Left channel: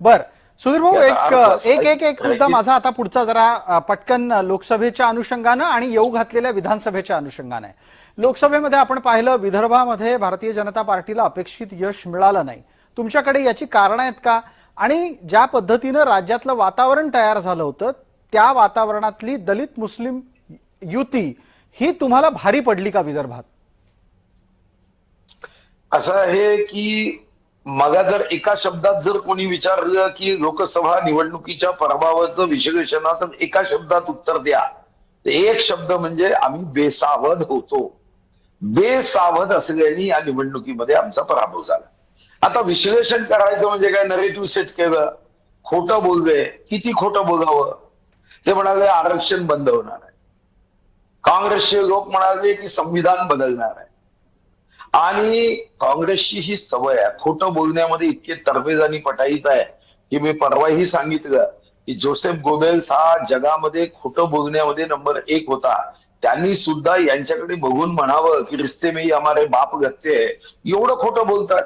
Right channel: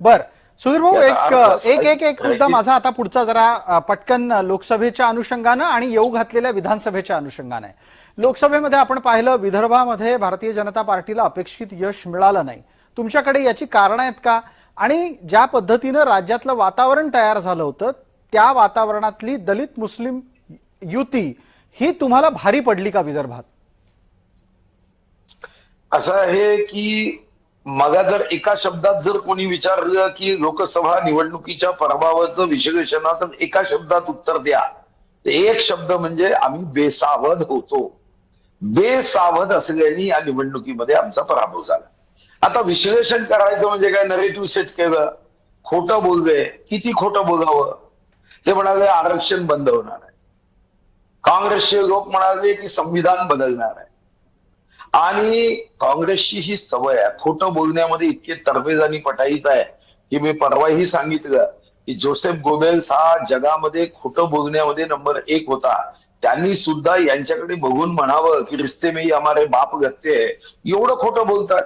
बर. सुधीर भाऊ एक एक एक एक मुद्दा माझा आता पुढचा जरा पटकन लोकसभेच्या अनुषंगानं आणि येऊ घातलेल्या विधानसभेच्या अनुषंगानं आहे. लोकसभेमध्ये आपण पाहिलं विदर्भामध्ये भारतीय जनता पार्टीला अपेक्षित यश मिळालं नाही. तुमच्याकडे याची कारणं आहेत का? आणि ज्या पद्धतीनं राज्यातलं वातावरण तयार झालं होतं त्या वातावरणातली दलित मुस्लिम युती ही तुम्हाला भारी पडली का विदर्भात? असं आहे की मला जर एका शब्दात जर कोणी विचारलं की लोकसभा निवडणुकीच्या पराभवाचं विश्लेषणाचं एका शब्दात उत्तर द्या तर एक शब्द म्हणजे आम्ही बेसावध होतो. बेसावध असल्याने या निवडणुकीमध्ये आमचा पराभव झाला. आता विश्लेषण करायचं म्हणजे काय? नरेटिव्ह सेट केलं. खोटं बोललंय किती खोटं बोलावं? ते म्हणाले आरक्षण बंद होणार आहे. काँग्रेसचे लोक म्हणाले की संविधान बदलणार आहे. आणि काँग्रेसची ही सवय आहे. खोटं बोलण्यामध्ये इतके तरबेज आणि पटाईत आहे की मी परवाही सांगितलं की जोसेफ गोबेल्स हा जगामध्ये खोटं बोलण्यामध्ये नंबर एक होता. त्यांनी सुद्धा यांच्याकडे बघून म्हणावं की रिस्ते मी ही बाप गत्ते एवढं खोटं बोलतात.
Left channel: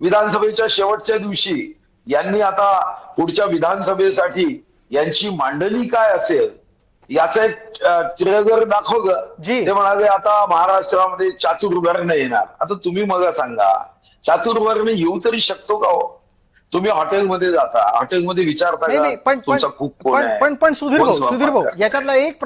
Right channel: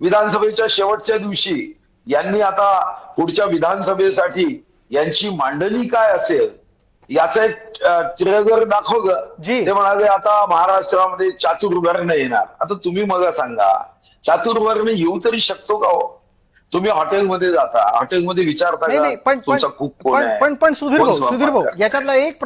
विधानसभेच्या शेवटच्या दिवशी यांनी आता पुढच्या विधानसभेसाठी यांची मांडणी काय असेल? याचं एक ट्रेलर दाखवलं जी. ते म्हणाले आता महाराष्ट्रामध्ये चातुर्वर्ण येणार. आता तुम्ही मला सांगा चातुर्वर्ण येऊ तरी शकतो का हो? तुम्ही हॉटेलमध्ये जाता हॉटेलमध्ये विचारता पण पण पण सुधीर भाऊ सुधीर भाऊ? याच्यातला एक